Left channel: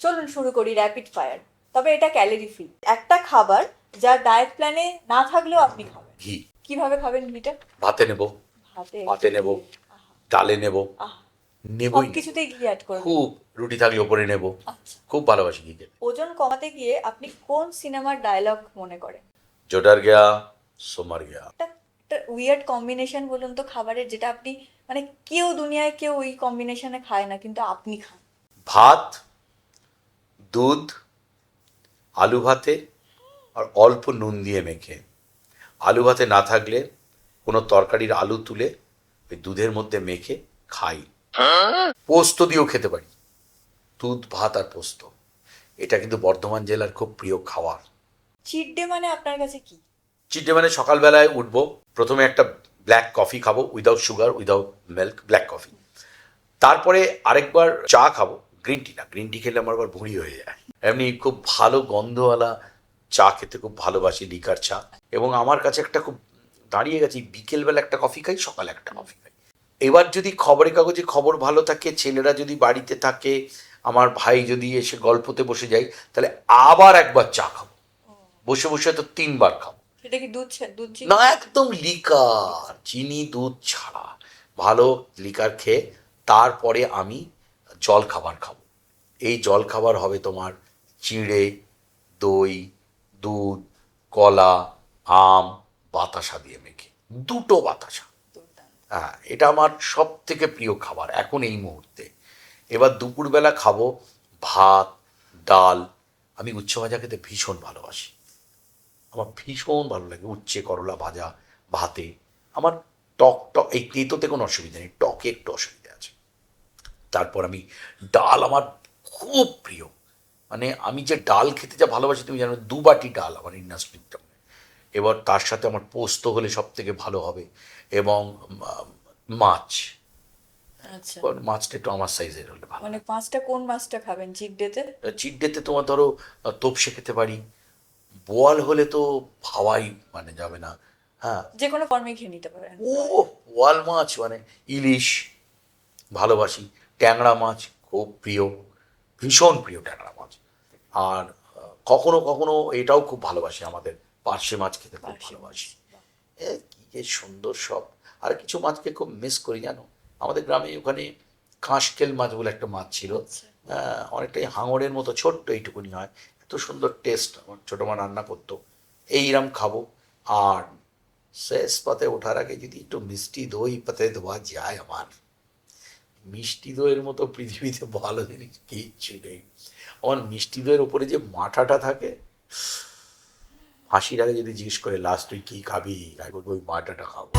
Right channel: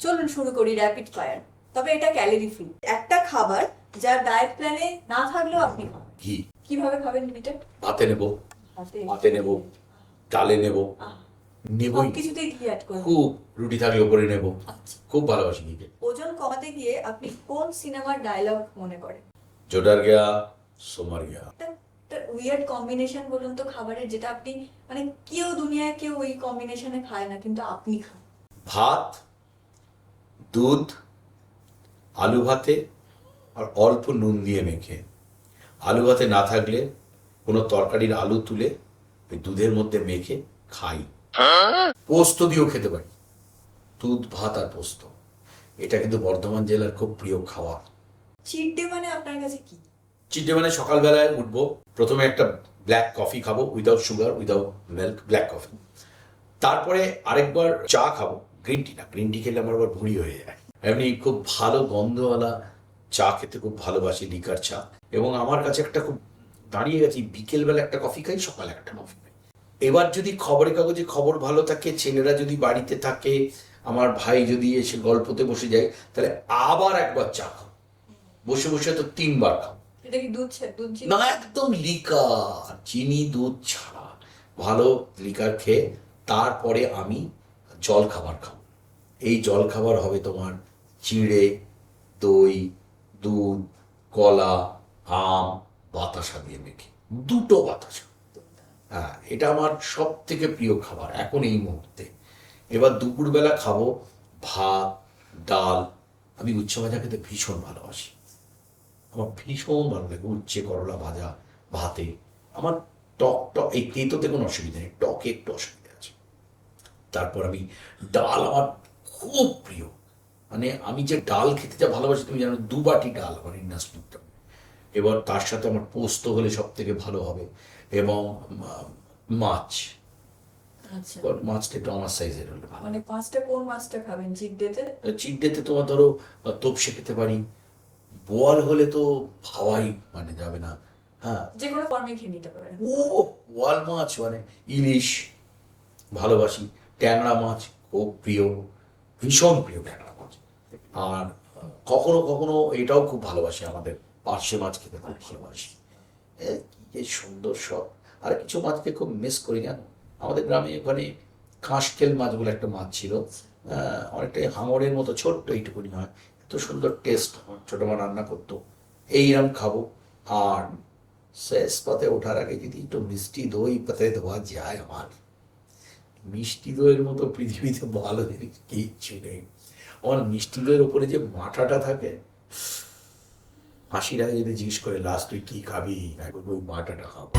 চলুন শুরু করি র্যাপিড ফায়ার। তবে এটা ক্যালোরি ফ্রি একটা খাবার যার ডায়েট প্ল্যানে না থাকলেও আপনি খাবেন। ঘি। কিভাবে খাবেন ঘিটা? ভাতে নেব, হাতে ভাতে নেব, ডালে নেব, নেবই। সবকিছুতেই ঘি অ্যাড করবেন। খুব রুটি থাকলে ওপরে নেব। আচ্ছা, খুব ভালোবাসি ঘি খেতে। ওজন কমাতে গিয়ে আপনি কোন সিনেমার ডায়লগ মনে করেন? जो डर गया सो मर गया। একটা উইয়ার্ড কম্বিনেশন বলুন তো খাবারের, যেটা আপনি মানে কেউ দুনিয়ায় কেউ ওই কম্বিনেশনে খায় না কিন্তু আপনি খান। ভাত, দুধ, আলু ভাতে আর অল্প নুন দিয়ে মেখে। আলু ভাতে না থাকলে কোনো তরকারির আলু তুলে ওই দুধের মধ্যে মেখে খাই। পোস্ত দিয়েও খেতে পারি। দুধ, ভাত আর পোস্ত, এটা কিন্তু বর্ধমান জেলার খুব প্রিয় খাবার। চিট ডে মানে আপনার কাছে কি? চিটে মানে সকালবেলায় উঠবো, প্রথমে একটা ব্ল্যাক কফি খাবো, without sugar, without milk, black coffee. তারপরে আরেকবার চা খাবো, গ্রিন টি না, গ্রিন টি খেলে আমার আবার ভুঁড়ি হয়ে যায়। এমনি খুব ভালো গন্ধওয়ালা চা খেতে খুব ভালোবাসি, লিকার চা। এবং আমার কাছে একটা খুব দাঁড়িয়ে গেছি, বিকেলবেলা একটা কফি খাই, সকালে একটা কফি খাই। এবার যদি খবরের কাগজে খবর ভালো থাকে, ছেলেরা যদি বাড়িতে থাকে, আমার ভাই যদি এসে গল্পতে বসে যায়, তাহলে আবার একবার চা খাবো। বসে বসে তো 3 বার খাবো। এটা কি দুধ দুধ চিনি? না, একদম লিকার, চিনি দুধ ছাড়া ভালো লিকার খেয়ে তারপরে আমি জল খাবার খাবো। এই জল খাবার হবে তোমার চিঁড়ে, দই, দুধ, কলা, আম, বাতাসা দিয়ে মেখে, 2টো বাতাসা। হ্যাঁ, এটা আমার সব থেকে প্রিয় খাবার এখন এই মুহূর্তে। এবার দুপুরবেলা খাবো ভাত, ডাল। আমি উচ্ছে ভাজা খেতে ভীষণ ভালোবাসি, আমার ভীষণ ভালো লাগে উচ্ছে করলা ভাজা ভাতে। আমার টক টক, এই তেঁতোতে কোনো অসুবিধা নেই, টকে একটু অসুবিধা আছে। তারপর আমি ডাল আমার খুব প্রিয়, মানে আমি যে ডাল খেতে যা ভালোবাসি তুমি জানো, 2 বাটি ডাল আমার ইন্ডাস্ট্রির। এবার তার সাথে আমার পোস্ত হলে সব থেকে ভালো হবে, এবং মাছ। আচ্ছা, মাছটা একটু আমার সাইজের হলে ভালো। মানে মাছটা কোন মাছটা খাবেন চিট ডেতে? চিট ডেতে তোমার ধরো তোপসে খেতে পারি, বোয়াল হলে তো ভাবাই মানে যাবে না। হ্যাঁ, যে কোনো ফর্মে খেয়ে নিতে পারেন। ও বোয়াল মাছ মানে ইলিশ ভালোবাসি, ট্যাংরা মাছ খুব প্রিয়, ভীষণ প্রিয় ট্যাংরা মাছ। আর কখনো কখনো এটাও খুব ভালোবাসি, আমাদের পার্শে মাছ খেতে খুব ভালোবাসি। কি যে সুন্দর সব। আর কিছু মাছকে খুব মিস করি জানো, আমাদের গ্রামে ওখানে কাঁশকেল মাছ বলে একটা মাছ ছিল, অনেকটাই হাঙরের মতো, ছোট্ট এইটুকুনি হয়, এত সুন্দর টেস্ট। আমার ছোটো মা রান্না করতো, এইরকম খাবো। আর শেষ পাতে ওঠার আগে যদি একটু মিষ্টি দই পাতে দেওয়া যায়, আমার মিষ্টি দইয়ের মতো পৃথিবীতে ভালো জিনিস কিচ্ছু নেই। আমার মিষ্টি দইয়ের ওপরে যে মাঠাটা থাকে, হাসির আগে যদি জিজ্ঞেস করে লাস্ট তুই কী খাবি, তাই বলবো ওই মাঠাটা খাবো।